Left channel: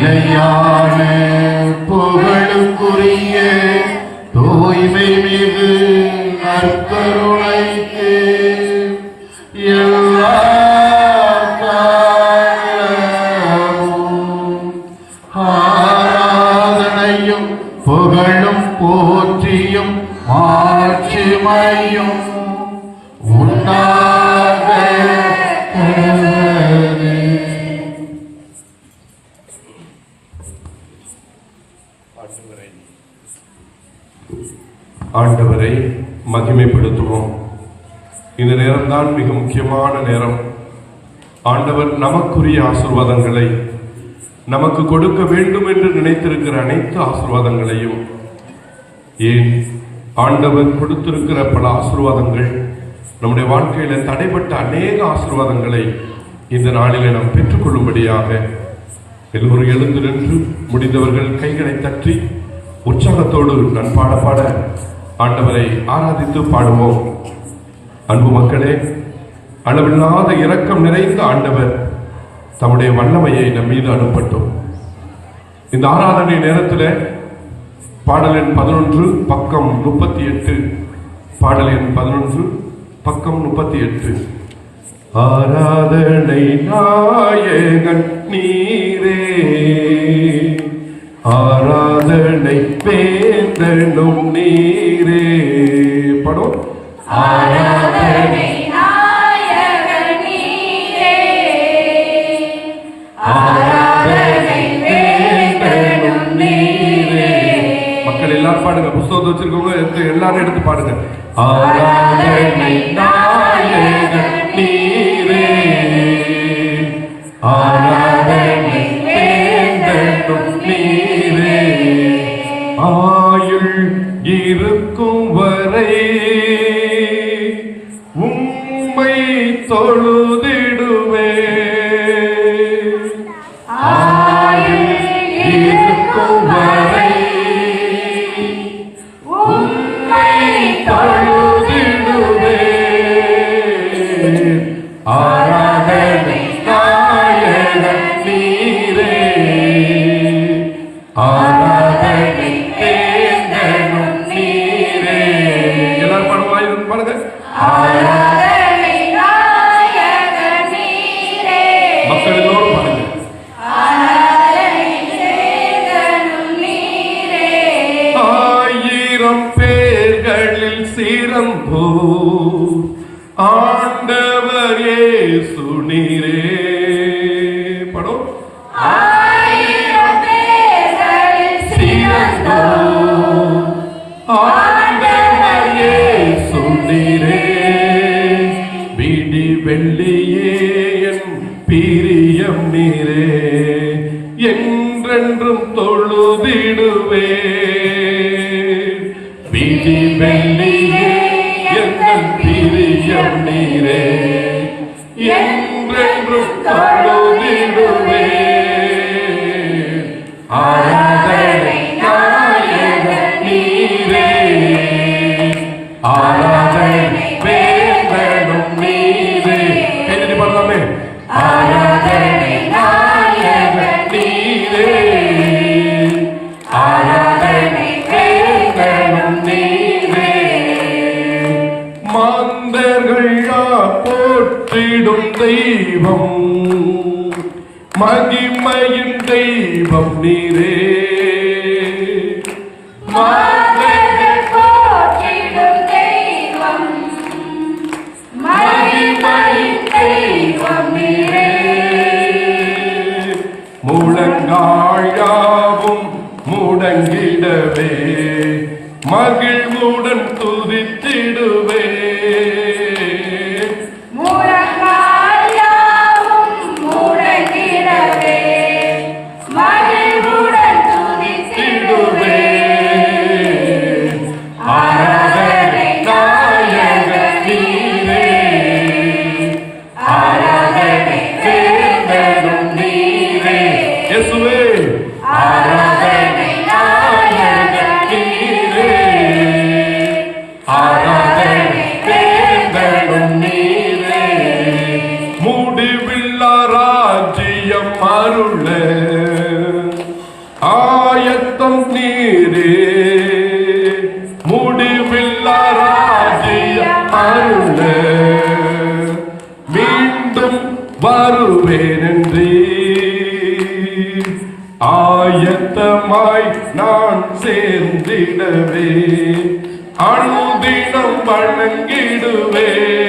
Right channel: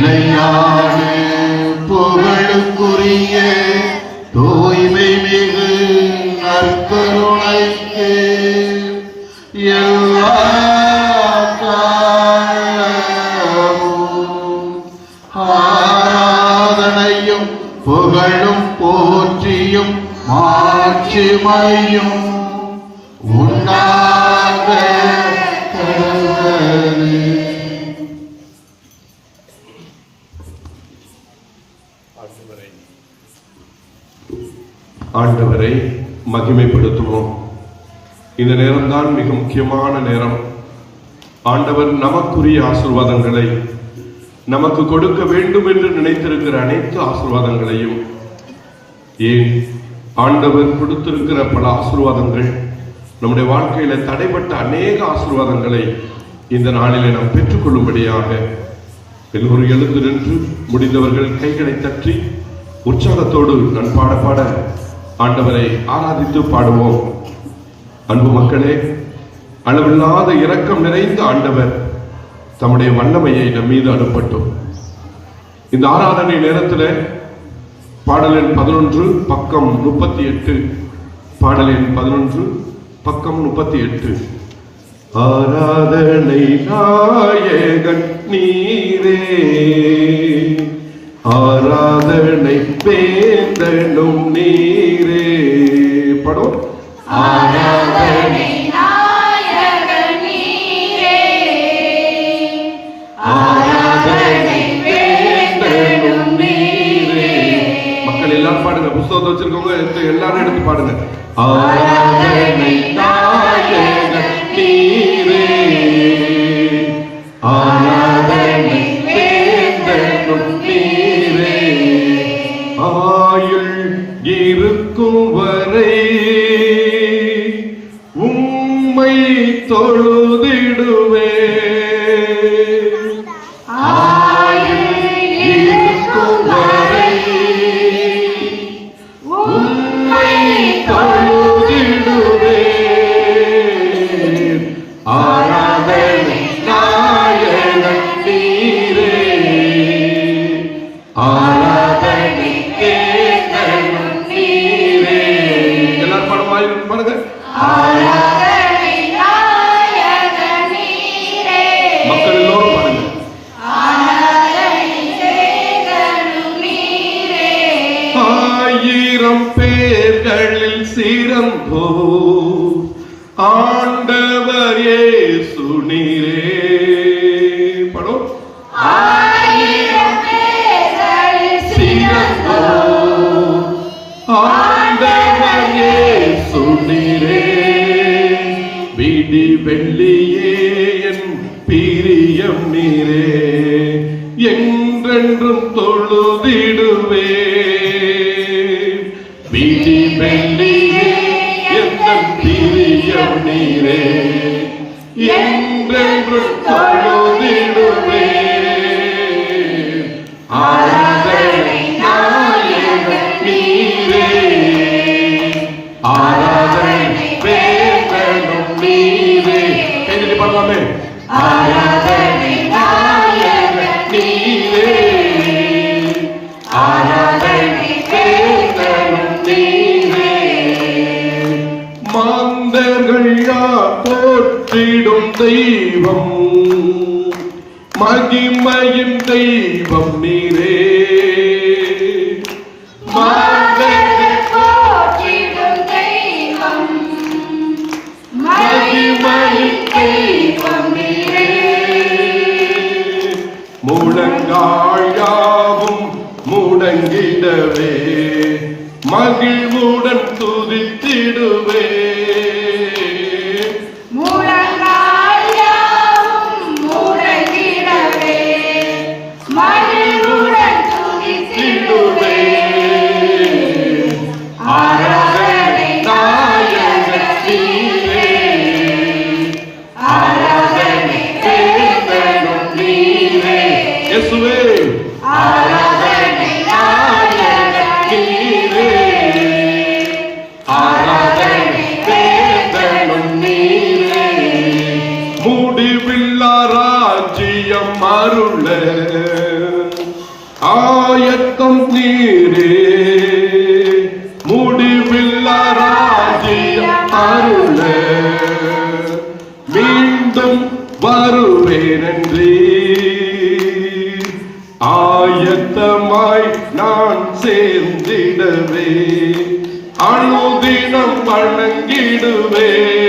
நிலையான முக்கியமான நேரம். ஆண்டவர் நமக்குரிய ஆசீர்வாதங்களை நமக்கு கொடுக்க வேண்டும் என்று நினைத்திருக்கிற அனைத்து ஆசீர்வாதங்களையும் ஏன் ஆண்டவர் கொடுத்திருக்கிற பல ஆசிர்வாதங்கள் நம்முடைய வாழ்க்கையில தடைப்பட்ட அநேக ஆசீர்வாதங்களை இந்த நாளிலே நாம் பெற்றுக்கொள்ளும்படியாக எல்லோரும் எழுந்து நின்று முடிந்தவர்கள் கைகளை தற்றி உற்சாகத்தோடு நான் பாட பாட ஆண்டவரை ஆராதித்து பாடுவோம். அன்பு மக்களே அளவில்லாத இரக்கம் நிறைந்த ஆண்டவர் தம்முடைய வல்லமையை நம் மீது அனுப்பட்டும். இந்த ஆராதனை நேரத்தில் பாடலின் பதினொன்று பக்கம் முப்பத்தி எட்டு. பாடலின் பதினொன்று பக்கம் முப்பத்தி எட்டு. ஆராதனை நாயகன் நீரே. ஆராதனை பேந்தனும் நீரே. படம் மக்கள் எல்லாரும் பாடுங்க. புஸ்தகத்தை வச்சிருக்கவங்க எல்லாரும் எடுத்து பாடுங்க. ஆயத்தமாய் நான் சேர்ந்திடவே. அணுதினம் வணங்கிடுவேன்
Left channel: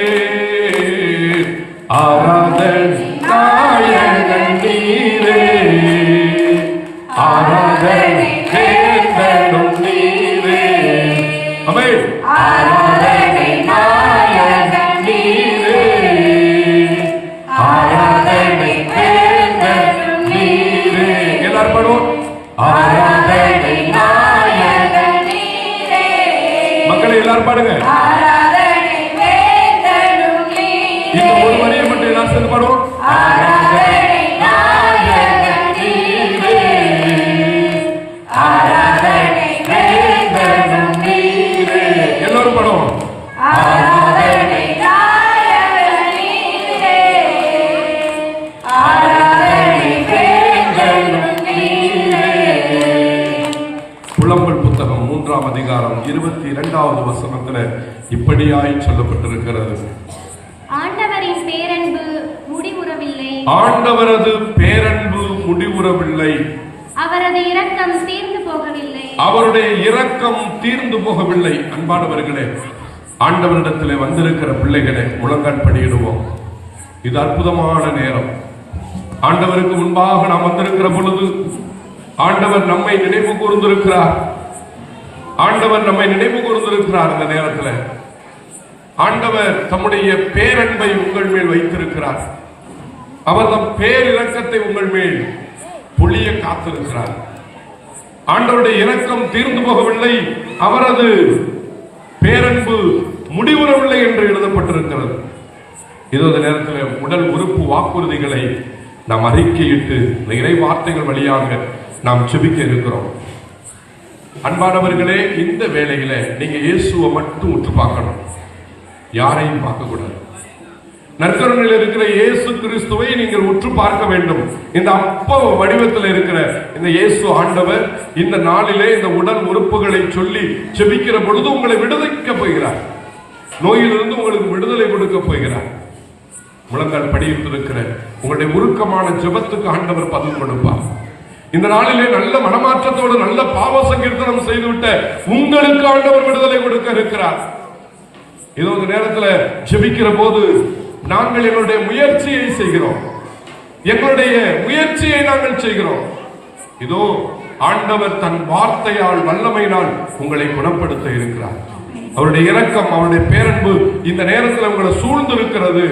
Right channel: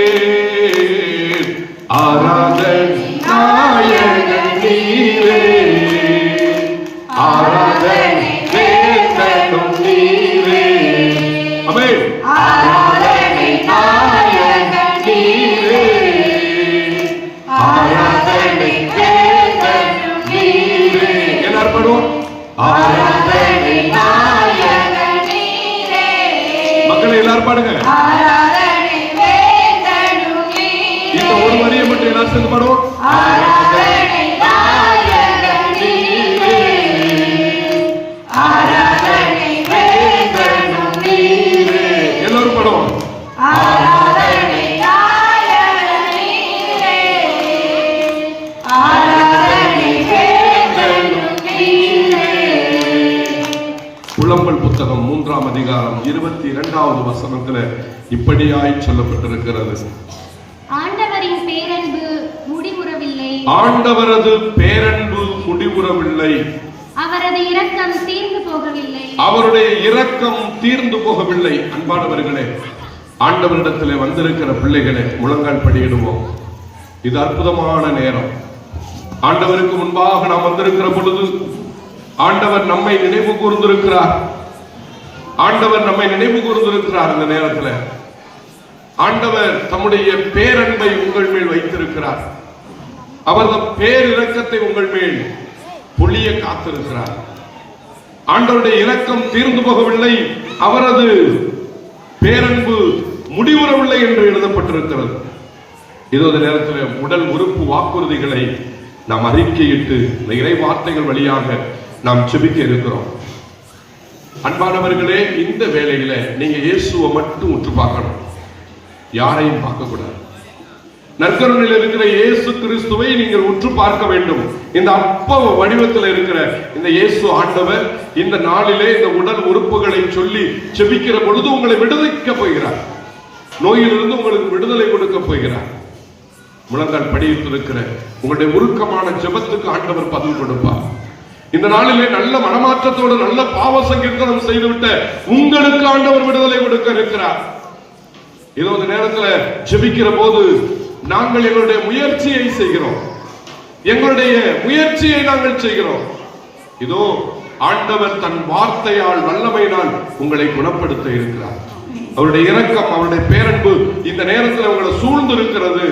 இப்படியாய் சொல்லப்பட்டிருக்கிறது. ஆண்டவரின் பேரன்பு முடிவுறவில்லை. ஆண்டவரது பேரன்பு முடிவுறவில்லை. அவரது இரக்கம் தீர்ந்து போகவில்லை. அவருடைய இரக்கம் தீர்ந்து போகவில்லை. அன்பானவர்களே ஆண்டவரிடத்தில் வந்திருக்கிற பிள்ளைகளே முழங்கால் படியிடுவோம். இது அற்புதமான நேரம். ஆண்டவருக்கு முன்பாக நாம் வந்திருக்கிற பொழுது ஆண்டவர் நம்மை நினைவு கூர்ந்திருக்கிறார். ஆண்டவர் நம்மை நினைவு கூர்ந்திருக்கிறார் அந்த நேரத்தில். ஆண்டவர் தம்முடைய பேரன்பை உங்கள் மேல் வைத்திருக்கிறார். அவர் தம் பேரிரக்கத்தை உங்கள் மேல் பொழிய காத்திருக்கிறார். ஆண்டவருடைய இரக்கம் தீர்ந்து போகவில்லை. அவரது பேரன்பு முடிவுறவில்லை என்று எழுதப்பட்டிருக்கிறது. இதோ நேரத்தில் உடல் உறுப்பு வாக்குறுதிகளை நாம் அறிக்கையிட்டு இந்த இறை வார்த்தைகள் வழியாக நாம் செபிக்க இருக்கிறோம். அன்பானவர்களே இந்த வேலையில நீங்க இயேசுவை மட்டும் உற்று பார்க்கணும் யாரையும் பார்க்கக்கூடாது. நற்கருணையில் இருக்கிற இயேசு கிறிஸ்துவை நீங்கள் உற்று பார்க்க வேண்டும். இந்த அப்ப வடிவத்தில் இருக்கிற இந்த இயேசு ஆண்டவர் இந்த நாளிலே இந்த உடல் உறுப்புகளை சொல்லி செபிக்கிற பொழுது உங்களை விடுவிக்க போகிறார். நோயிலிருந்து உங்களுக்கு விடுதலை கொடுக்க போகிறார். முழங்கால் படியில் இருக்கிற உங்களுடைய உருக்கமான ஜெபத்துக்கு ஆண்டவர் பதில் கொடுப்பார். இந்த நாளிலே நல்ல மனமாற்றத்தோடு நல்ல பாவ சங்கீர்த்தனம் செய்துவிட்ட உங்களுக்கு ஆண்டவர் விடுதலை கொடுக்க இருக்கிறார். இதோ இந்த நேரத்துல ஜெபிக்கிற போது நாங்கள் எங்களுடைய முயற்சியை செய்கிறோம். எங்களுடைய முயற்சியை நாங்கள் செய்கிறோம். இதோ ஆண்டவர் தன் வார்த்தையால் வல்லமையினால் உங்களை குணப்படுத்த இருக்கிறார். அவருடைய இரக்கம் அவருடைய பேரன்பு இந்த நேரத்தில் உங்களை சூழ்ந்து இருக்கிறது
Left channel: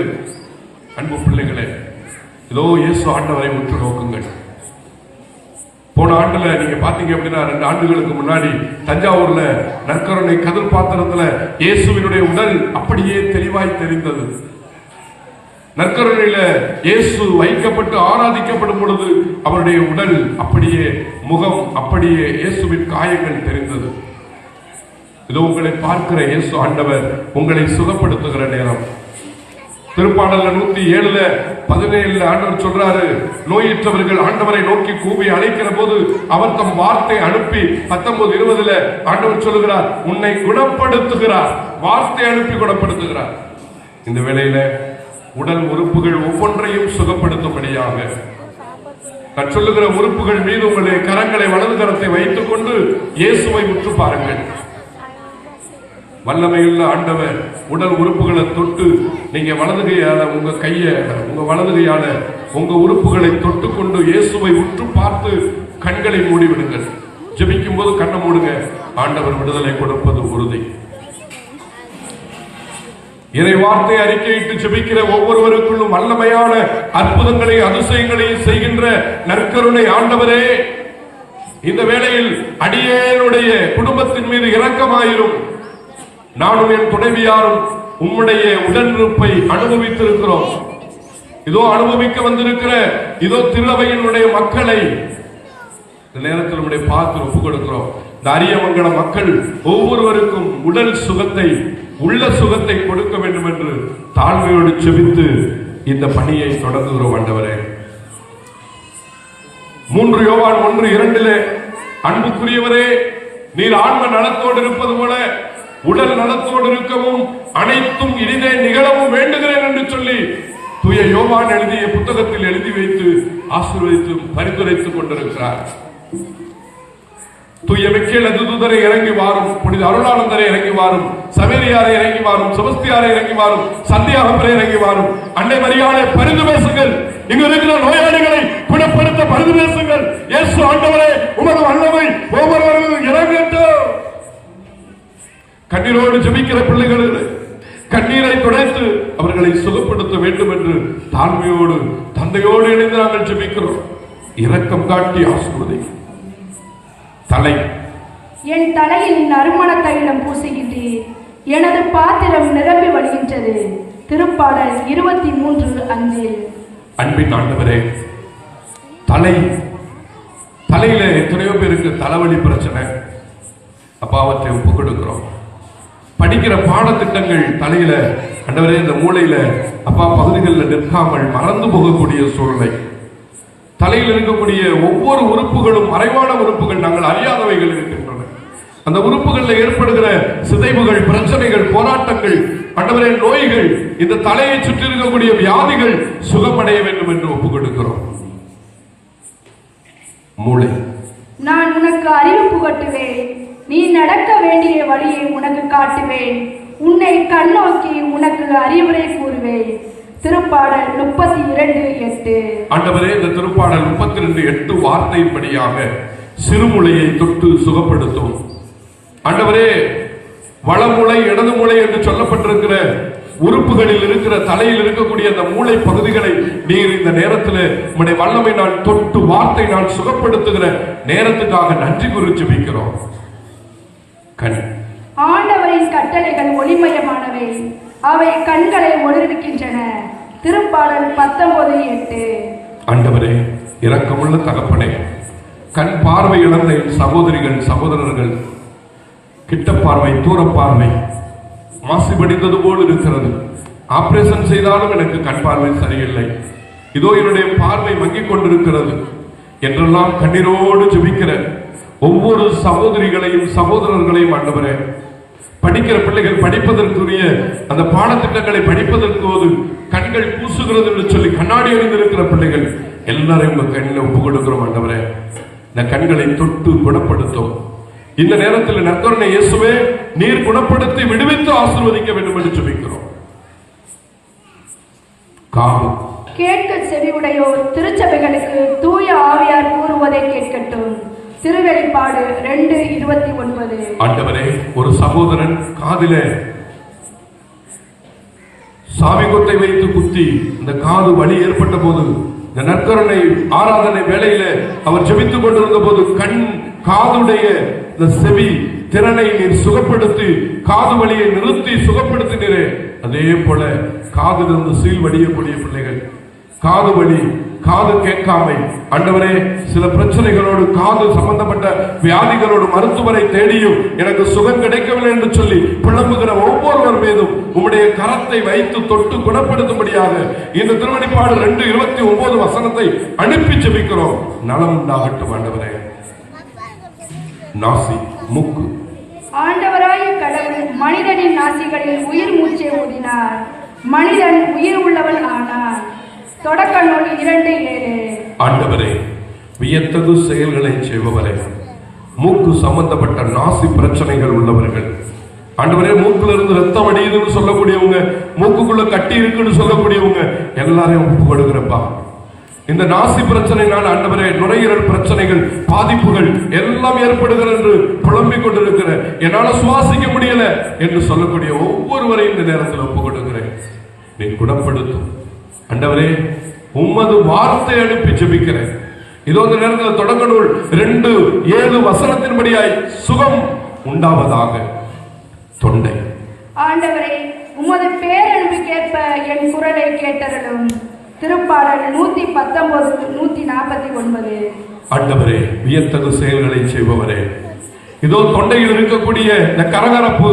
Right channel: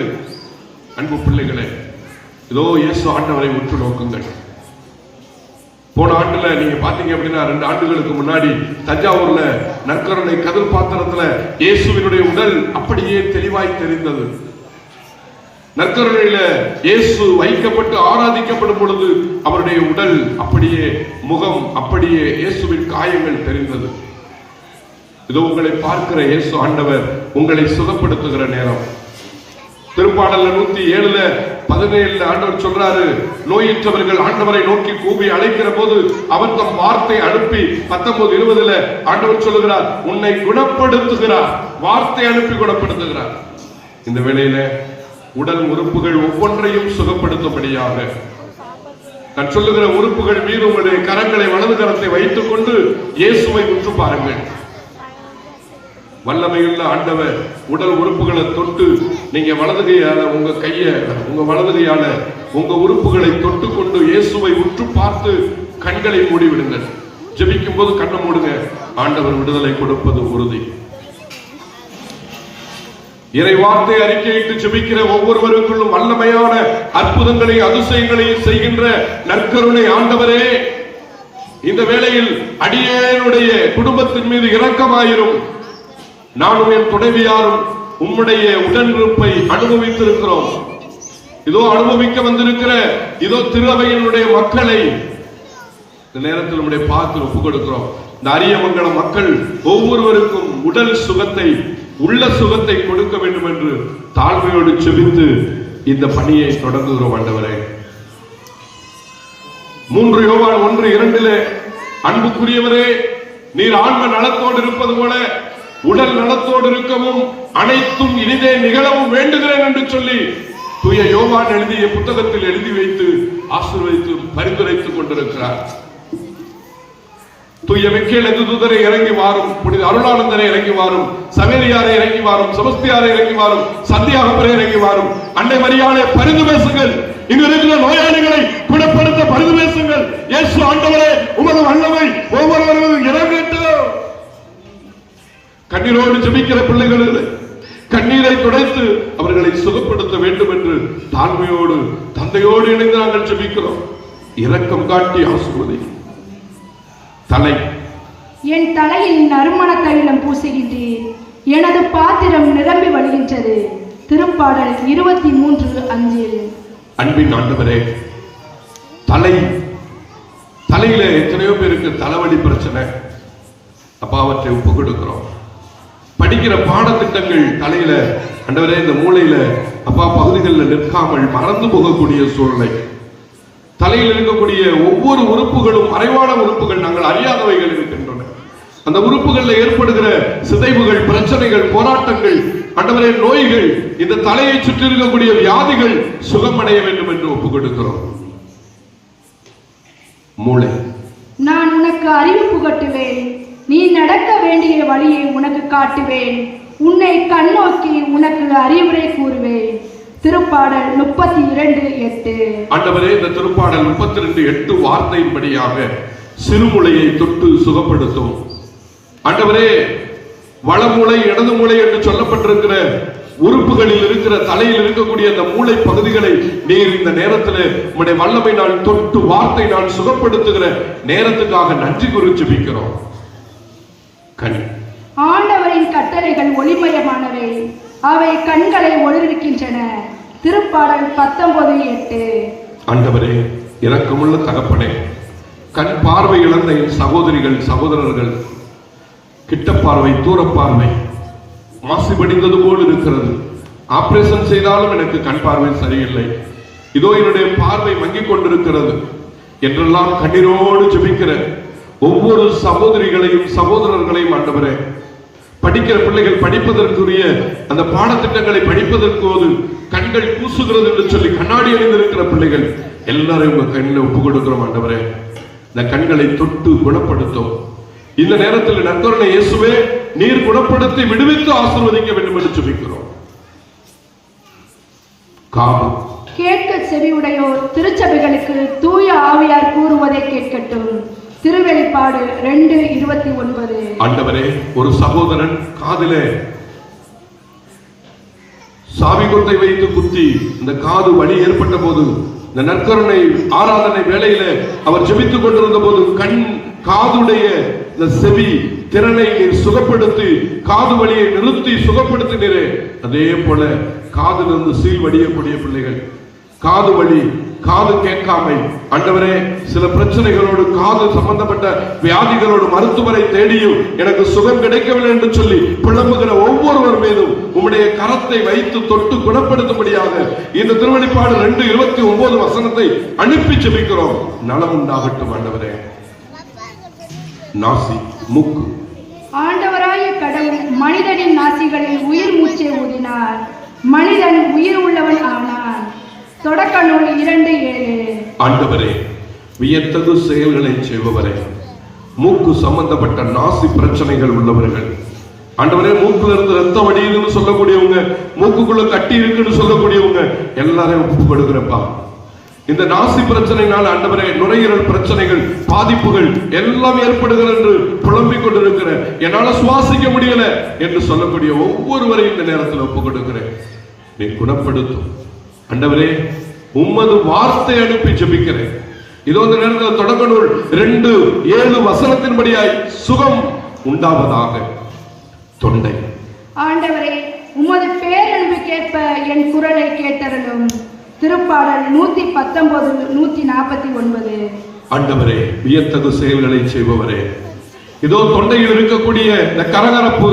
அன்பு பிள்ளைகளே இதோ இயேசு ஆண்டவரை உற்று நோக்குங்கள். போன ஆண்டுல நீங்க பாத்தீங்க அப்படின்னா ரெண்டு ஆண்டுகளுக்கு முன்னாடி தஞ்சாவூர்ல நற்கருணை கதிர் பாத்திரத்துல இயேசுவினுடைய உடல் அப்படியே தெளிவாய் தெரிந்தது. நற்கருணையில இயேசு வைக்கப்பட்டு ஆராதிக்கப்படும் பொழுது அவருடைய உடல் அப்படியே முகம் அப்படியே இயேசுவின் காயங்கள் தெரிந்தது. இது உங்களை பார்க்கிற இயேசு ஆண்டவர் உங்களை சுகப்படுத்துகிற நேரம். திருப்பாடல்ல நூத்தி ஏழுல பதினேழுல ஆண்டவர் சொல்றாரு நோயற்றவர்கள் ஆண்டவரை நோக்கி கூவி அழைக்கிற போது அவர் தம் வார்த்தை அனுப்பி பத்தொன்பது இருபதுல ஆண்டவர் சொல்லுகிறார் உன்னை குணப்படுத்துகிறார். வார்த்தை அனுப்பி குணப்படுத்துகிறார். இந்த வேளையில உடல் உறுப்புகள் ஒவ்வொன்றையும் சுகப்படுத்தும்படியாக நான் சொல்லுகிற உறுப்புகள் மீது உங்களுடைய கரங்களை வலது கரத்தை வைத்துக் கொண்டு இயேசுவை உற்று பாருங்கள். வல்லமையுள்ள ஆண்டவர் உடல் உறுப்புகளை தொட்டு நீங்க வலது கையால உங்க கைய உங்க வலது கையால உங்க உறுப்புகளை தொட்டு கொண்டு இயேசுவை உற்று பார்த்து கண்களை மூடிவிடுங்க ஜெபிக்கும் போது கண்ணை மூடுங்க. ஆண்டவர் விடுதலை கொடுப்பது உறுதி. இறை வார்த்தை அறிக்கையிட்டு ஜெபிக்கிற ஒவ்வொருவருக்குள்ளும் வல்லமையான அற்புதங்களையும் அதிசயங்களையும் செய்கின்ற நற்கருணை ஆண்டவரே. இந்த வேளையில் அடியேனுடைய குடும்பத்தின் மீது இரக்கமாயிரும். நானும் என் துணைவியாரும் உம்முடைய உடனிருப்பை அனுபவித்திருக்கிறோம். இதோ அனுபவிக்க வந்திருக்கிற இதோ திருவையினுடைய மக்களை. இந்த நேரத்தில் நம்முடைய பார்த்து ஒப்பு கொடுக்கிறோம். இந்த அரியமங்கல மக்கள் ஒவ்வொருவருக்கும் உடல் சுகத்தை உள்ள சுகத்தை கொடுக்க வேண்டும் என்று தாழ்மையோடு செபித்து இந்த பணியை தொடங்குகிறோம் ஆண்டவரே. மூன்று யோவான் ஒன்று இரண்டிலே அன்புக்குரியவரே நீர் ஆன்ம நலத்தோடு இருப்பது போல உடல் நலத்தோடு இருக்கவும் அனைத்தும் இனிதே நிகழவும் வேண்டுகிறேன் என்று சொல்லி தூய யோவான் எழுதிய புத்தகத்தில் எழுதி வைத்து ஆசீர்வதித்து பரிந்துரைத்துக் கொண்டிருக்கிறார். தூய மிக்கேல் தூதரை இறங்கி வாரும் புனித அருளானந்தரை இறங்கி வாரும் சமேரியாரை இறங்கி வாரும் செபஸ்தியாரை இறங்கி வாரும் சந்தியாகப்பரை இறங்கி வாரும். அன்னை மரியாதை பரிந்து பேசுங்கள். இங்கு இருக்கிற நோயாளிகளை குணப்படுத்த பரிந்து பேசுங்கள். இயேசு ஆண்டவரே உமது வல்லமை ஒவ்வொருவர்களும் இறங்கட்டும். கண்ணீரோடு ஜெபிக்கிற பிள்ளைகள் கண்ணீரை குடைத்து அவர்களை சுகப்படுத்த வேண்டும் என்று தாழ்மையோடு தந்தையோடு இணைந்து நாங்கள் ஜெபிக்கிறோம். இரக்கம் காட்டி ஆசீர்வதி. தலை. என் தலையில் நறுமண தைலம் பூசுகின்றேன். எனது பாத்திரம் நிரம்பி வழிகின்றது. திருப்பாடல் இருபத்தி மூன்று அஞ்சில். அன்பின் ஆண்டவரே தலை. தலையில எத்தனையோ பேருக்கு தலைவலி பிரச்சனை. அப்பா அவற்றை ஒப்பு கொடுக்கிறோம் படிக்கிற பாடத்திட்டங்கள் தலையில அண்டவரே இந்த மூளையில அப்பா பகுதிகளில் நிற்காமல் மறந்து போகக்கூடிய சூழ்நிலை. தலையில் இருக்கக்கூடிய ஒவ்வொரு உறுப்புகளும் மறைவான உறுப்புகள் நாங்கள் அறியாதவைகள் இருக்கின்றன. அந்த உறுப்புகளில் ஏற்படுகிற சிதைவுகள் பிரச்சனைகள் போராட்டங்கள் அண்டவரே நோய்கள் இந்த தலையை சுற்றி இருக்கக்கூடிய வியாதிகள் சுகமடைய வேண்டும் என்று ஒப்புக் கொடுக்கிறோம் மூளை. நான் உனக்கு அறிவு புகட்டுவேன் நீ நடக்க வேண்டிய வழியை உனக்கு காட்டுவேன். உன்னை கண்ணோக்கி உனக்கு அறிவுரை கூறுவேன். திருப்பாடல் முப்பத்தி இரண்டு எட்டு. ஆண்டவரே இந்த திருப்பாடல் முப்பத்தி ரெண்டு எட்டு வார்த்தையின்படியாக சிறுமுளையை தொட்டு சுகப்படுத்தும் ஆண்டவரே வளமூளை இடது மூளை என்று சொல்லப்பட்டிருக்கிற உறுப்புகளில் இருக்கிற தலையில் இருக்கக்கூடிய அந்த மூளை பகுதிகளை நீர் இந்த நேரத்தில் உம்முடைய வல்லமை நாள் தொட்டு வார்த்தை நாள் சுகப்படுத்துகிற நேரத்துக்காக நன்றி கூறி வைக்கிறோம் கண் ஆண்டவரின் கட்டளைகள் ஒளிமயமானவை. அவை கண்களை ஒளிர்விக்கின்றன. திருப்பாடல் பத்தொன்பது எட்டு. ஆண்டவரே இரக்கமுள்ள தகப்பனே கண் பார்வை இழந்த சகோதரிகள் சகோதரர்கள் கிட்ட பார்வை தூர பார்வை மாசு படிந்தது போல் இருக்கிறது. ஆபரேஷன் செய்தாலும் எனக்கு கண் பார்வை சரியில்லை. இதோ என்னுடைய பார்வை மங்கிக் கொண்டிருக்கிறது. என்றெல்லாம் கண்ணீரோடு ஜெபிக்கிற ஒவ்வொரு சகோதரிகளையும் சகோதரர்களையும் ஆண்டவரே படிக்கிற பிள்ளைகள் படிப்பதற்குரிய அந்த பாடத்திட்டங்களை படிப்பதற்கு ஒரு கண்கள் கூசுகிறது என்று சொல்லி கண்ணாடி அணிந்திருக்கிற பிள்ளைகள் எல்லாரையும் உங்க கண்ணில் ஒப்பு கொடுக்கிறோம் ஆண்டவரே. இந்த கண்களை தொட்டு குணப்படுத்தும். இந்த நேரத்தில் நற்கருணை இயேசுவே நீர் குணப்படுத்தி விடுவித்து ஆசிர்வதிக்க வேண்டும் என்று சொல்லிக்கிறோம். காமம் கேட்க செவியுடையோர் திருச்சபைகளுக்கு தூய ஆவியார் கூறுவதை கேட்கட்டும். திருவெளிப்பாடு ரெண்டு இருபத்தி ஒன்பது. ஆண்டவரே ஒரு சகோதரன் காதிலே சாவி கொட்டை வைத்து குத்தி இந்த காது வலி ஏற்பட்ட போது இந்த நற்கருணை ஆராதனை வேலையில அவர் ஜெபித்துக் கொண்டிருந்த போது கண் காதுடைய இந்த செவி திறனை நீர் சுகப்படுத்தி காது வலியை நிறுத்தி சுகப்படுத்தினீரே. அதே போல காதிலிருந்து சீல் வடியக்கூடிய பிள்ளைகள் காது வலி காது கேட்காமை. ஆண்டவரே சில பிரச்சனைகளோடு காது சம்பந்தப்பட்ட வியாதிகளோடு மருத்துவரை தேடியும் எனக்கு சுகம் கிடைக்கவில்லை என்று சொல்லி புலம்புகிற ஒவ்வொருவர் மீதும் உம்முடைய கரத்தை வைத்து தொட்டு குணப்படுத்தும்படியாக இந்த திருவடிப்பாடு ரெண்டு இருபத்தி ஒன்பது வசனத்தை அனுப்பி செபிக்கிறோம் நலம் உண்டாகட்டும் ஆண்டவரே நாசி முக்கு ஆண்டவராய கடவுள் மனிதனின் நாசிகளில் உயிர் மூச்சை ஊதினார் மனிதன் உயிர் உள்ளவன் ஆனார் தொடக்க நூல் இரண்டு ஏழு. ஆண்டவரே வியத்தகு செயல்களை செய்பவரே மூக்கு சம்பந்தப்பட்ட நாசி பிரச்சனைகள் உள்ளவர்கள். ஆண்டவரே மூக்குல இருந்து ரத்தம் அடியுதுன்னு சொல்லக்கூடியவங்க மூக்குக்குள்ள கட்டி இருக்குன்னு சொல்லக்கூடியவங்க எல்லாரையும் ஒப்பு இந்த நாசி பிரச்சனைனால ஆண்டவரே நுரையீரல் பிரச்சனைகள் பாதிப்புகள் எல்லாம் ஏற்படுகிறது என்று புலம்பிக் கொண்டிருக்கிற என்னால சுவாசிக்க முடியல என்று சொல்லக்கூடிய ஒவ்வொருவரையும் இந்த நேரத்தில் ஒப்பு கொடுக்கிறேன் நீ குணப்படுத்தும். ஆண்டவரே உம்மது வார்த்தை அனுப்பி ஜெபிக்கிறேன். இதோ இந்த நேரத்தில் நூல் ரெண்டு ஏழு வசனத்தின்படியாய் சுகம் உண்டாவதாக. தொண்டை. ஆண்டவரே உமது பேரன்புக்கேற்ப என் குரலை கேட்டருளும். திருப்பாடல் நூத்தி பத்தொன்பது நூத்தி நாற்பத்தி ஒன்பது. ஆண்டவரே வியத்தகு செயல்களை செய்பவரே. இதோ தொண்டையில் இருக்கக்கூடிய இந்த கரகரப்பு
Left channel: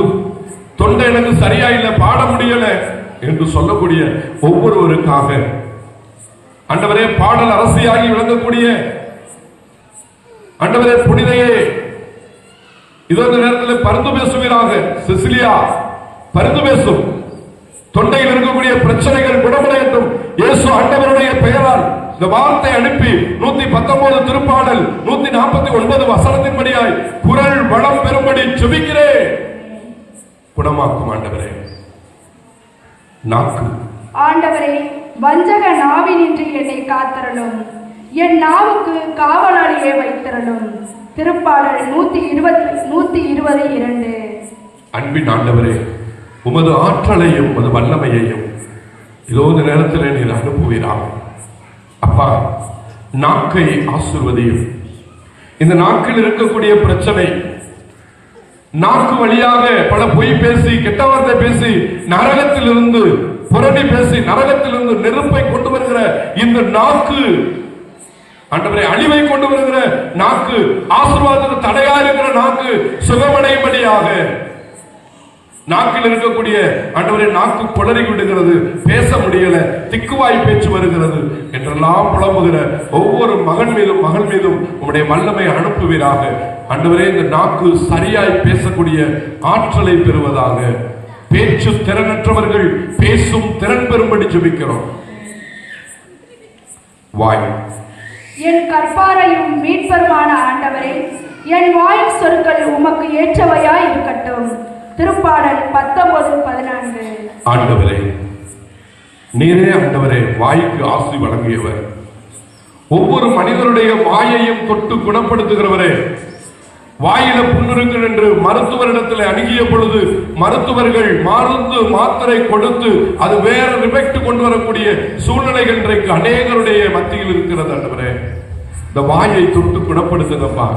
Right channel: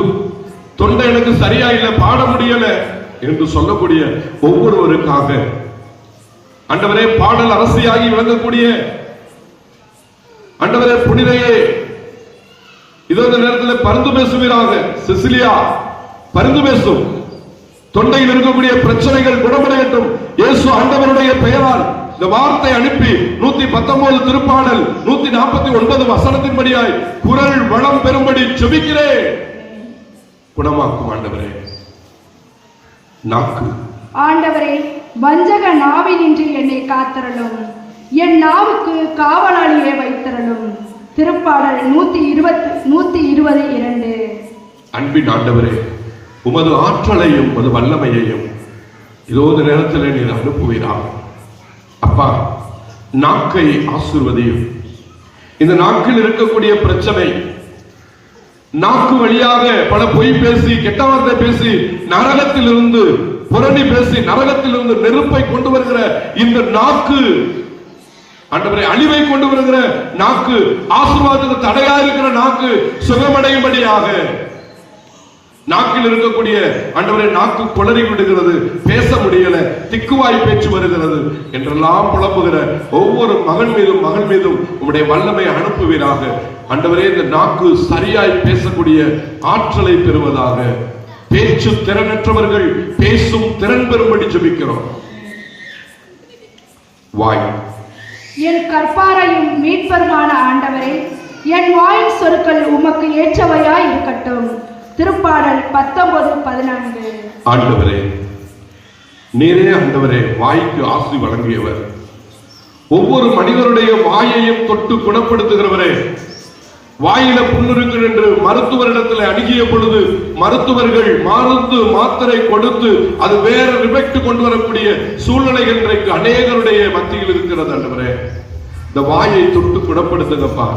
தொண்டை எனக்கு சரியா இல்ல பாட முடியல. என்று சொல்லக்கூடிய ஒவ்வொருவருக்காக. அண்டவரே பாடல் அரசியாகி விளங்கக்கூடிய அண்டவரே புனிதையே இதோ நேரத்தில் பருந்து பேசுவீராக. சிசிலியா பருந்து பேசும். தொண்டையில் இருக்கக்கூடிய பிரச்சனைகள் குணமடையட்டும். இயேசு ஆண்டவருடைய பெயரால் இந்த வார்த்தை அனுப்பி நூத்தி பத்தொன்பது திருப்பாடல் நூத்தி நாற்பத்தி ஒன்பது வசனத்தின்படியாய் குரல் வளம் பெறும்படி செபிக்கிறேன். குணமாக்கும் ஆண்டவரே. நாக்கு. ஆண்டவரே வஞ்சக நாவினின்று என்னை காத்தரலும். என் நாவுக்கு காவலாளியை வைத்தரலும். திருப்பாடல் நூத்தி இருபத்தி நூத்தி இருபது இரண்டு. அன்பின் ஆண்டவரே உமது ஆற்றலையும் உமது வல்லமையையும் இதோ இந்த நேரத்தில் நீர் அனுப்புவீராக. அப்பா நாக்கை ஆசிர்வதியும். இந்த நாக்கில் இருக்கக்கூடிய பிரச்சனை நாக்கு வழியாக பல பொய் பேசி கெட்ட வார்த்தை பேசி நரகத்திலிருந்து புரணி பேசி நரகத்திலிருந்து நெருப்பை கொண்டு வருகிற இந்த நாக்கு ஆண்டவரே அழிவை கொண்டு வருகிற நாக்கு ஆசீர்வாதத்துக்கு தடையா இருக்கிற நாக்கு சுகமடையும்படியாக நாக்கில் இருக்கக்கூடிய ஆண்டவரே நாக்கு குளறி விடுகிறது. பேச முடியல. திக்குவாய் பேச்சு வருகிறது. என்றெல்லாம் புலம்புகிற ஒவ்வொரு மகன் மீதும் மகள் மீதும் உங்களுடைய வல்லமை அனுப்புவீராக. அன்றவரே இந்த நாக்கு சரியாய் பேசக்கூடிய ஆற்றலை பெறுவதாக. பேச்சு திறனற்றவர்கள் பேசும் திறன் பெறும்படி ஜபிக்கிறோம். வாய். என் கற்பாரையும் மீட்பருமான ஆண்டவரே என் வாயின் சொற்கள் உமக்கு ஏற்றவையாய் இருக்கட்டும். திருப்பாடல் பத்தொன்பது பதினான்கு. ஆண்டவரே நீரே ஆண்டவரே வாய்க்கு ஆசி வழங்கியவர். ஒவ்வொரு மனிதருடைய வாயையும் தொட்டு குணப்படுத்துகிறவரே. வாயில புண்ணிருக்கிறது என்று மருத்துவரிடத்தில் அணுகிய பொழுது மருத்துவர்கள் மருந்து மாத்திரை கொடுத்து அது வேற ரிபெக்ட் கொண்டு வரக்கூடிய சூழ்நிலை இன்றைக்கு அநேகருடைய மத்தியில் இருக்கிறது ஆண்டவரே. இந்த வாயை தொட்டு குணப்படுத்துங்கப்பா.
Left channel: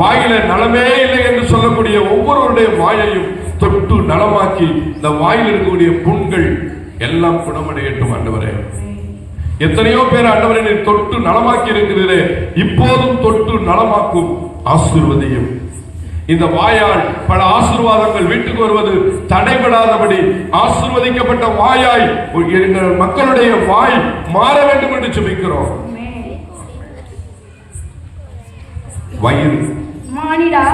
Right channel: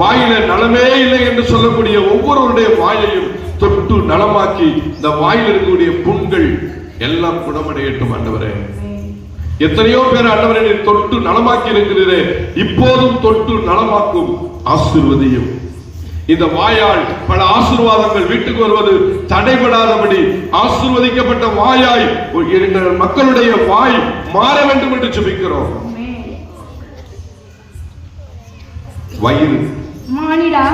வாயில நலமே இல்லை என்று சொல்லக்கூடிய ஒவ்வொருவருடைய வாயையும் தொட்டு நலமாக்கி இந்த வாயில் இருக்கக்கூடிய புண்கள் எல்லாம் குணமடையட்டும் ஆண்டவரே. எத்தனையோ பேர் ஆண்டவரை தொட்டு நலமாக்கி இருக்கிறீரே. இப்போதும் தொட்டு நலமாக்கும் ஆசீர்வதியும். இந்த வாயால் பல ஆசீர்வாதங்கள் வீட்டுக்கு வருவது தடைபடாதபடி ஆசீர்வதிக்கப்பட்ட வாயாய் மக்களுடைய வாய் மாற வேண்டும் என்று ஜெபிக்கிறோம். வயிறு மானிடா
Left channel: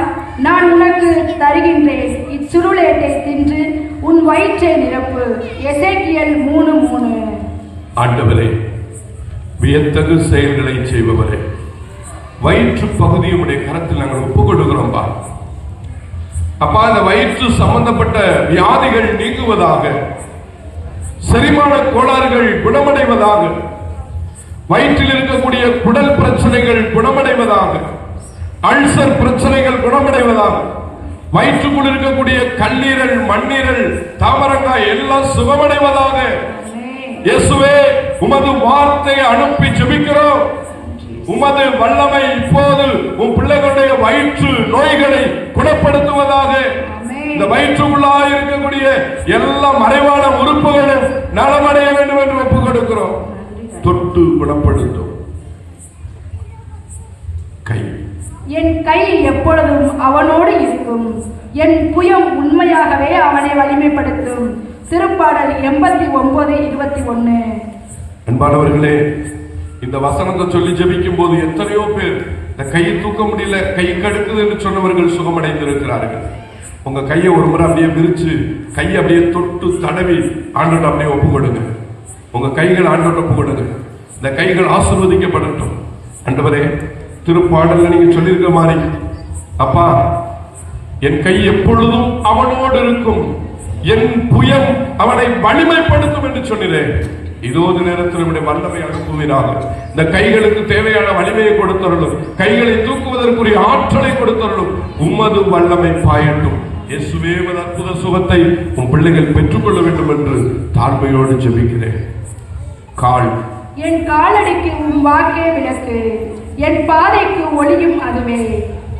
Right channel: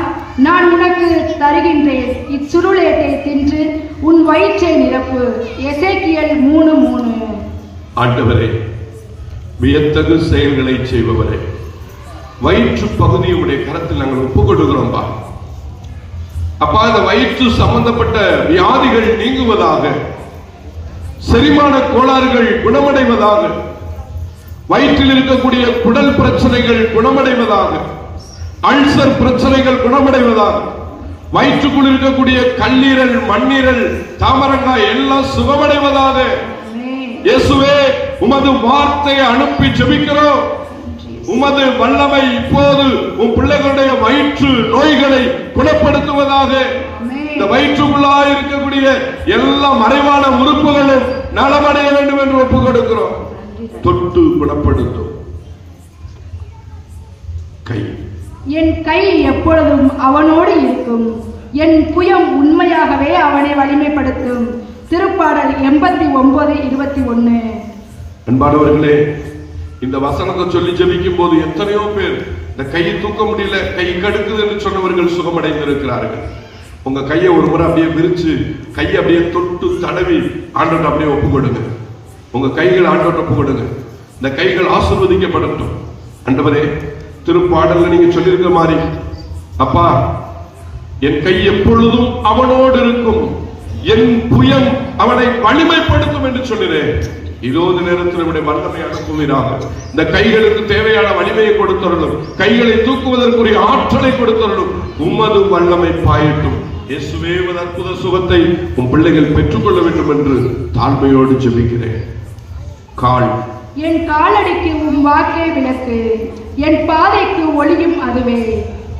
நான் உனக்கு தருகின்றேன். இச்சுருளேட்டை தின்று உன் வயிற்றை நிரப்பு. எசேக்கியல் மூணு மூணு. ஆண்டவரே வியத்தகு செயல்களை செய்பவரே வயிற்று பகுதி உடைய கரத்தில் நாங்கள் ஒப்பு கொடுக்கிறோம்பா அப்பா அந்த வயிற்று சம்பந்தப்பட்ட வியாதிகள் நீங்குவதாக செரிமான கோளாறுகள் குணமடைவதாக வயிற்றில் இருக்கக்கூடிய குடல் பிரச்சனைகள் குணமடைவதாக அல்சர் பிரச்சனைகள் குணமடைவதாக வயிற்றுக்குள் இருக்கக்கூடிய கல்லீரல் மண்ணீரல் தாமரங்காய் எல்லாம் சுகமடைவதாக இயேசுவே உமது வார்த்தையை அனுப்பி ஜெபிக்கிறோம். உமது வல்லமை இப்போது உன் பிள்ளைகளுடைய வயிற்று நோய்களை குணப்படுத்துவதாக இந்த வயிற்றுக்குள்ளாய் இருக்கக்கூடிய எல்லா மறைவான உறுப்புகளும் நலமடைய வேண்டும் என்று ஒப்புக் கொடுக்கிறோம். தொட்டு குணப்படுத்தும். கை. என் கை எப்பொழுதும் அவனோடு இருக்கும். என் புயம் உண்மையாகவே அவனை வலிமைப்படுத்தும். திருப்பாடல் எண்பத்தி ஒன்பது இருபத்தி ஒன்று. அன்பானவர்களே இந்த வசனத்தை சொல்லி ஜபிக்கும் போது எத்தனையோ பேர் இந்த கையை தூக்க முடியல கை கடுக்குது என்று சொன்னவர்கள் சுகமடைந்திருக்கிறார்கள். உங்க கையை ஒரு முறை அப்படியே விரிச்சு கையை அப்படியே தொட்டு தடவி ஆண்டோட்ட அப்படியே ஒப்பு கொடுங்க உங்க கைகள் ஆண்டோட்ட ஒப்பு கொடுங்க இந்த கைகள் ஆசிர்வதிக்கப்படட்டும். ஆண்டவரே திருப்பாடல்ல நீங்க சொல்லியிருக்க மாதிரி அப்பா என் கை எப்பொழுதும் அவனோடு இருக்கும். என் புயம் அவனை வலிமைப்படுத்தும் என்று சொல்கிறேன். இதோ நேரத்தில் நம்முடைய வல்லமை அனுப்புகிறார் இந்த கைகளுக்கு தேவையான வலிமையை கொடுத்தருளும். கைகளை தூக்குவதற்குரிய ஆற்றலை கொடுத்தருளும். உமது வல்லமை பாயட்டும். இயேசுவே அற்புத சுகத்தை உன் பிள்ளைகள் பெற்றுக்கொள்ள வேண்டும் என்று தாழ்மையோடு ஜெபிக்கிறேன். கால் என் காலடிக்கு உன் வாக்கே விளக்கு. என் பாதைக்கு ஒளியும் அதுவே.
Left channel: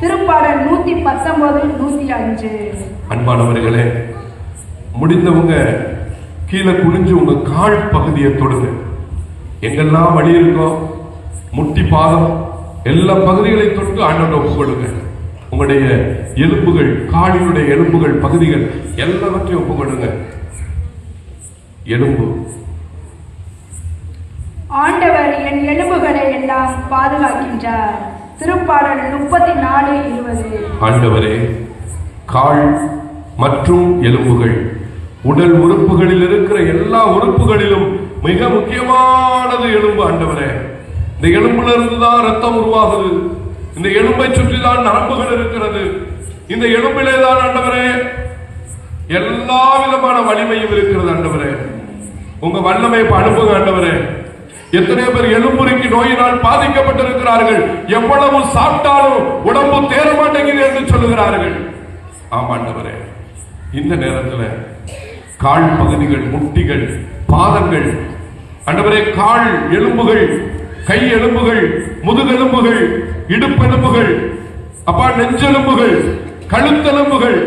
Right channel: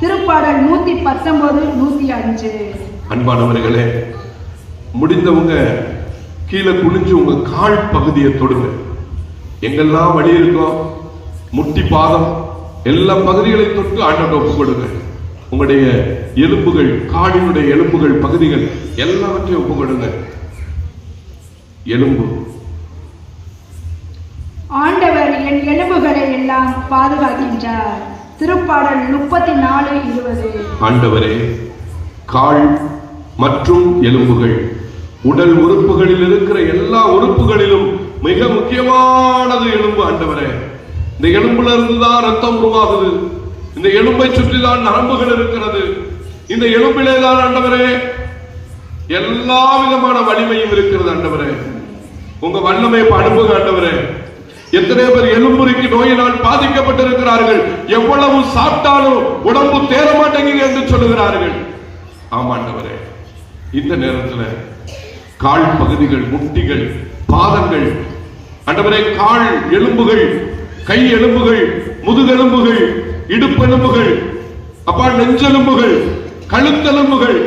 திருப்பாடல் நூத்தி பத்தொன்பது நூத்தி அஞ்சு. அன்பானவர்களே முடிந்தவங்க கீழே குனிஞ்சு உங்க கால் பகுதியை தொடுங்க. எங்கெல்லாம் வழி இருக்கோ முட்டி பாதம் எல்லா பகுதிகளையும் தொட்டு ஆண்டவரை ஒப்பு கொடுங்க. உங்களுடைய எலும்புகள் காலினுடைய எலும்புகள் பகுதிகள் எல்லாவற்றையும் ஒப்பு கொடுங்க. எலும்பு ஆண்டவர் என் எலும்புகளை எல்லாம் பாதுகாக்கின்றார். திருப்பாடல் முப்பத்தி நாலு இருபது. ஆண்டவரே கால் மற்றும் எலும்புகள் உடல் உறுப்புகளில் இருக்கிற எல்லா உறுப்புகளிலும் மிக முக்கியமானது எலும்பு ஆண்டவரே. இந்த எலும்புல இருந்து தான் ரத்தம் உருவாகுது. இந்த எலும்பை சுற்றி தான் நரம்புகள் இருக்கிறது. இந்த எலும்பிலே தான் ஆண்டவரே எல்லா விதமான வலிமையும் இருக்கிறது ஆண்டவரே. உங்க வல்லமை இப்ப அனுப்புங்க ஆண்டவரே. எத்தனையோ பேர் எலும்புரிக்கு நோயினால் பாதிக்கப்பட்டிருக்கிறார்கள். எவ்வளவு சாப்பிட்டாலும் உடம்பு தேர மாட்டேங்குது என்று சொல்லுகிறார்கள். ஆமாண்டவரே இந்த நேரத்துல கால் பகுதிகள் முட்டிகள் பாதங்கள் அண்டவரே கால் எலும்புகள் கை எலும்புகள் முதுகெலும்புகள் இடுப்பெலும்புகள் அப்பா நெஞ்செலும்புகள் கழுத்தெலும்புகள்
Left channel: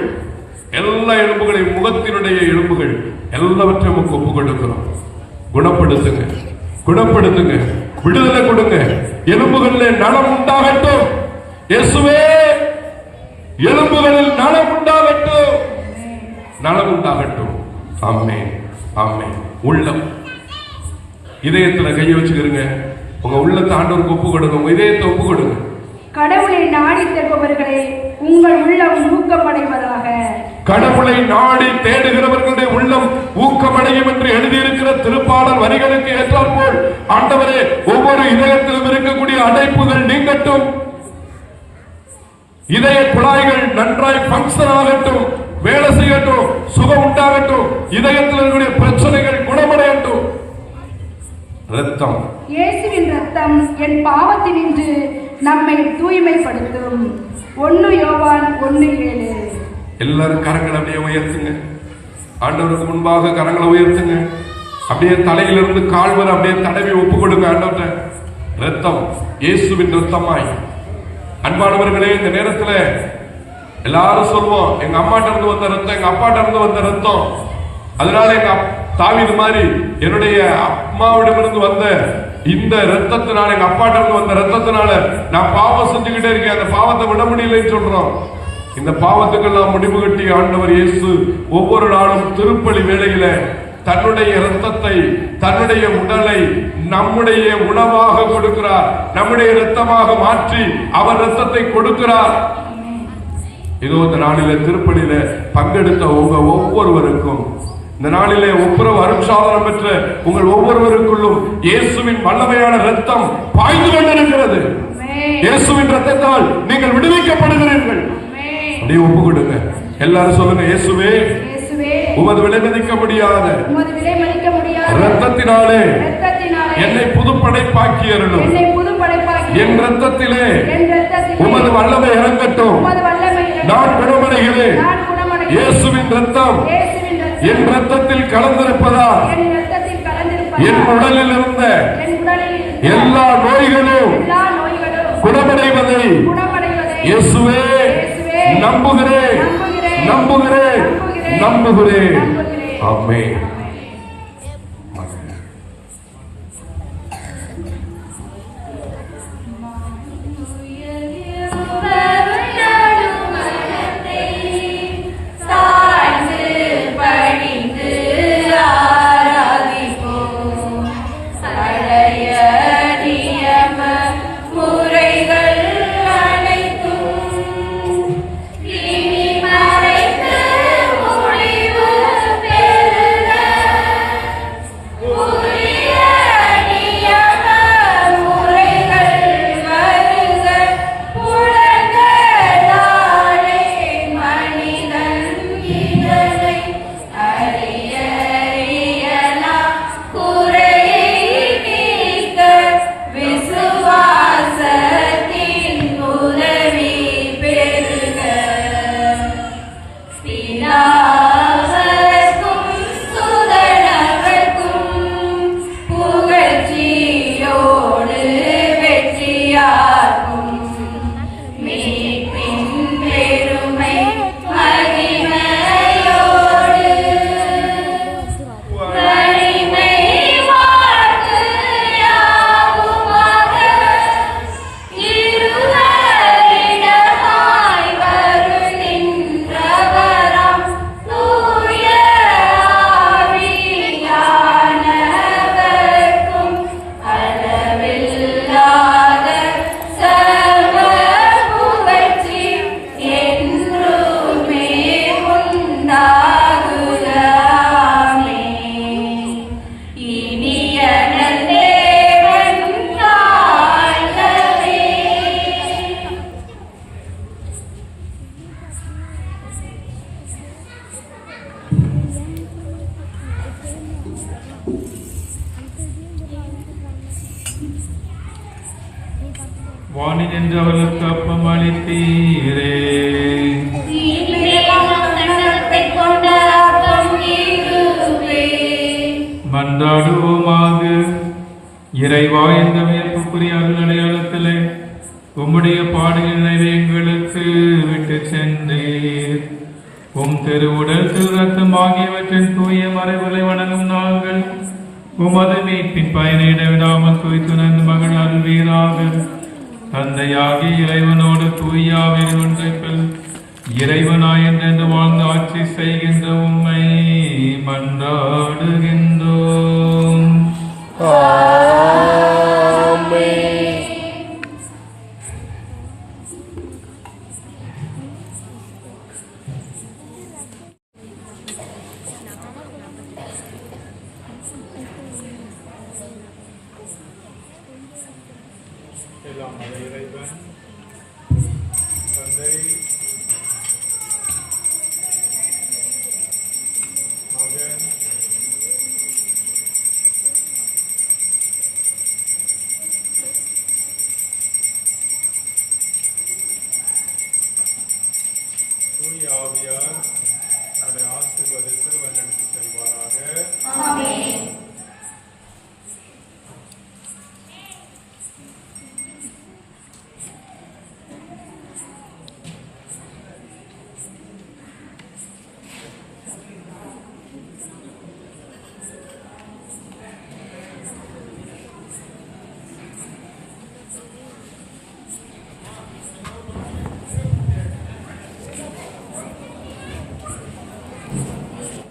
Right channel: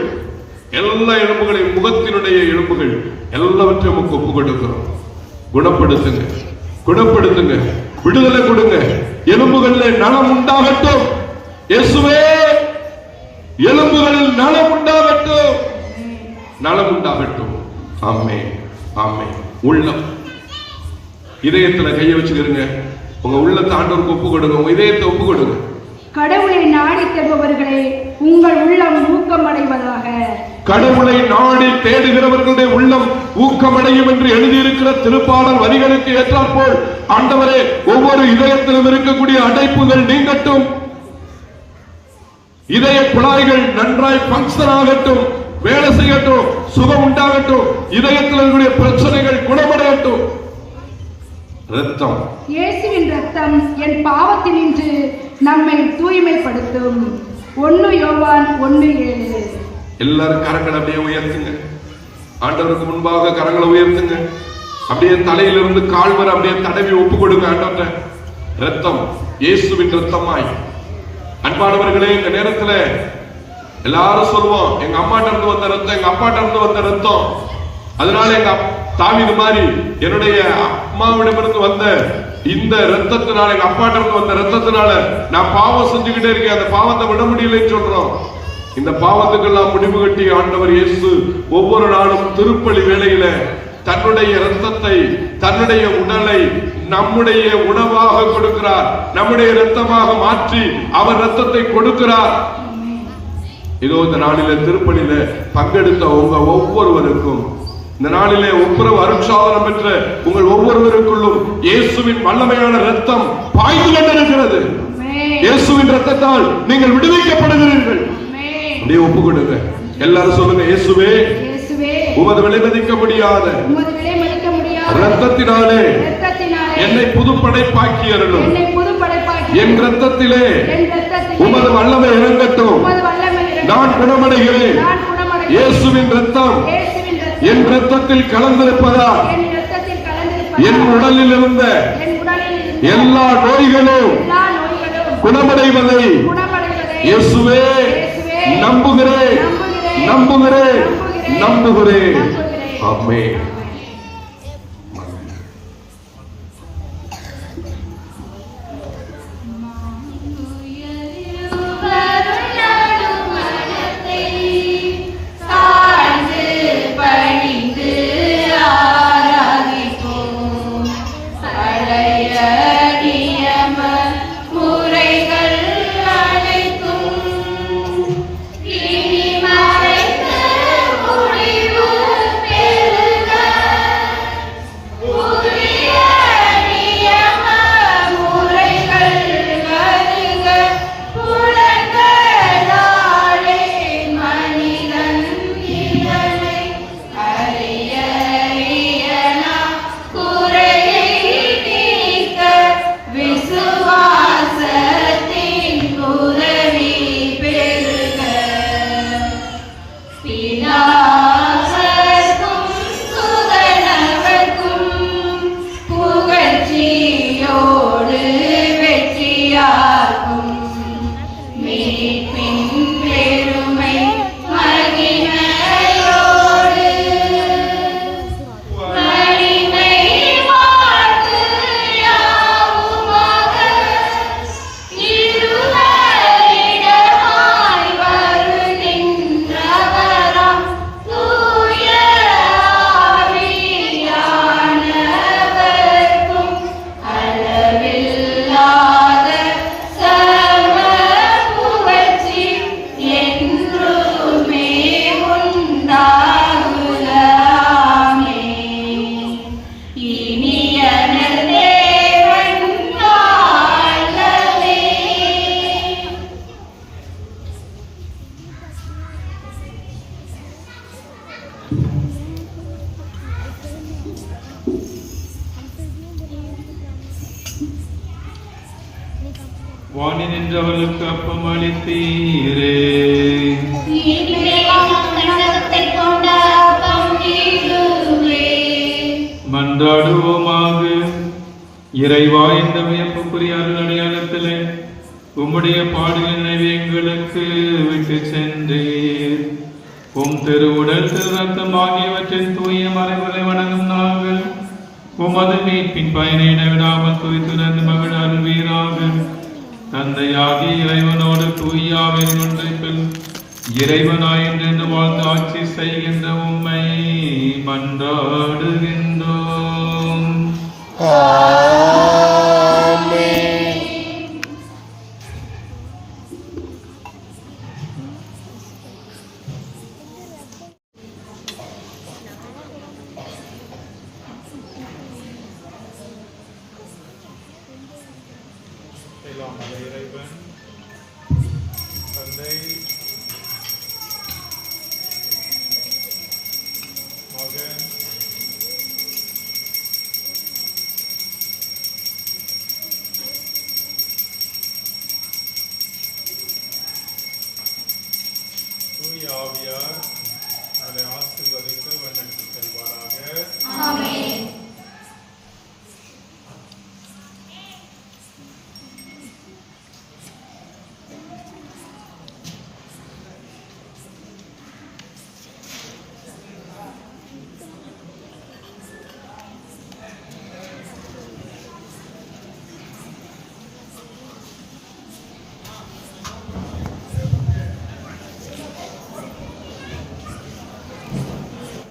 எல்லா எலும்புகளையும் முகத்தினுடைய எலும்புகள் எல்லாவற்றையும் ஒப்பு கொடுக்கிறோம். குணப்படுத்துங்க. குணப்படுத்துங்க. விடுதலை கொடுங்க. எலும்புகளிலே நலம் உண்டாகட்டும். இயேசுவே எலும்புகளில் நலம் உண்டாகட்டும். நலம் உண்டாகட்டும். ஆமே ஆமே உள்ளம். இதயத்துல கையை வச்சுக்கிறீங்க உங்க உள்ளத்தை ஆண்டவருக்கு ஒப்பு கொடுங்க. உங்க இதயத்தை ஒப்பு கொடுங்க. கடவுளை நாடி தருபவர்களே உங்கள் உள்ளம் ஊக்கமடைவதாக. கடவுளை நாடி தேடுகிறவர்களுடைய உள்ளம் ஊக்கமடையும் என்று எழுதியிருக்கிற திருப்பாடல் வரிகளுக்கு ஏற்றாற்போல் ஆண்டவரே ஒவ்வொரு இதயத்திலும் இருக்கக்கூடிய அடைப்புகள் நீங்கட்டும். இதய குழாய்கள் நன்றாய் பங்கன் ஆகட்டும் வேலை செய்யட்டும் சுகம் உண்டாகட்டும் இதயத்தில் இருக்கக்கூடிய பிரச்சனைகள் குணமடையட்டும். ரத்தம் இயேசுவின் ரத்தம் என் பாவத்தினின்று நம்மை தூய்மைப்படுத்தும். ஒன்னு யோவான் ஒன்னு ஏழு. எல்லாரும் கரங்களை அப்படியே உயர்த்துங்க. ஆண்டவருக்கு முன்பாக கரங்களை உயர்த்துங்க. அப்படியே தலையிலிருந்து கால்வர் அப்படியே தடவி ஒப்பு கொடுங்க ஆண்டவர்கிட்ட ரத்தம் இயேசுவின் ரத்தமாய் அன்பானவர்களே இந்த நேரத்துல எல்லாரும் சொல்லுவோம் எங்க அம்மாட்ட இருந்து வந்த ரத்தம் எங்க அப்பாட்ட இருந்து வந்த ரத்தம் அதனால எங்க அப்- மாதிரி என்னுடைய அம்மாவிடமிருந்து வந்த இந்த ரத்தத்தினால எங்க அப்பாட்ட இருந்து வந்த ரத்தத்தினால நான் பாவம் செஞ்சுக்கிட்டே இருக்கேன். அந்த பாவத்தை விட முடியலைன்னு சொல்றோம். இந்த பாவத்துக்கெல்லாம் முடிவு கட்டி ஆண்டவர் இயேசு ஒவ்வொரு நாளும் திருப்பலி வேளையில தன்னுடைய ரத்தத்தை தன்னுடைய உடலை நம்முடைய உணவாக கொடுக்கிறார் நம்முடைய ரத்தமாக மாற்றி அவர் ரத்தத்தை கொடுக்கிறார் இதோ இந்த நாளில திருப்பலியில பங்கெடுத்த உங்க ஒவ்வொருவருக்கும் இந்த நாளிலே ஒப்புரவு அருட்சாதனம் பெற்ற உங்கள் ஒவ்வொருவருக்குள்ளும் இயேசுவின் வல்லமையான ரத்தம் பாய்ந்து கொண்டிருக்கிறது. இயேசுவின் ரத்தத்தால் நீங்கள் விடுவிக்கப்படுகிறீர்கள். அப்படியே ஒப்பு கொடுங்க எல்லாரும் சொல்லுங்க இயேசுவே உமது விலை மதிக்க முடியாத ரத்தத்தினாலே என்னை என்னை புதுப்படைப்பாக்கி என் ரத்தத்திலே உமது வல்லமை இறங்கட்டும். நான் குணமடைகிறேன். இயேசுவின் ரத்தம் என் ரத்தத்தில் கலந்திருப்பதா? என் உடலில் இருந்த எல்லா நோய்களும் குணமடைவதை இயேசுவே நம்புகிறேன். நம்புகிறேன். நம்புகிறேன். ஆமென். இறைவா இந்த வியப்புக்குரிய அருள் அடையாளத்திலே உம்முடைய பாடுகள் நினைவு எங்களுக்கு விட்டு சென்றீர். உம் திருவுடல் திரு ரத்தம் ஆகியவற்றின் தூய மறைவுகளை வணங்கும் நாங்கள் உமது மீட்பின் பயனை விடாமல் குறித்துணர்ந்து மகிழ் அருள்வீராக. தந்தையாகி இறைவனோடு தூயாவின் ஒன்றைப்பில் இறைவனாய் என்று வாழ்ந்து ஆட்சி செய்கின்ற எல்லாம் மத இறைவன் தந்தை மகன்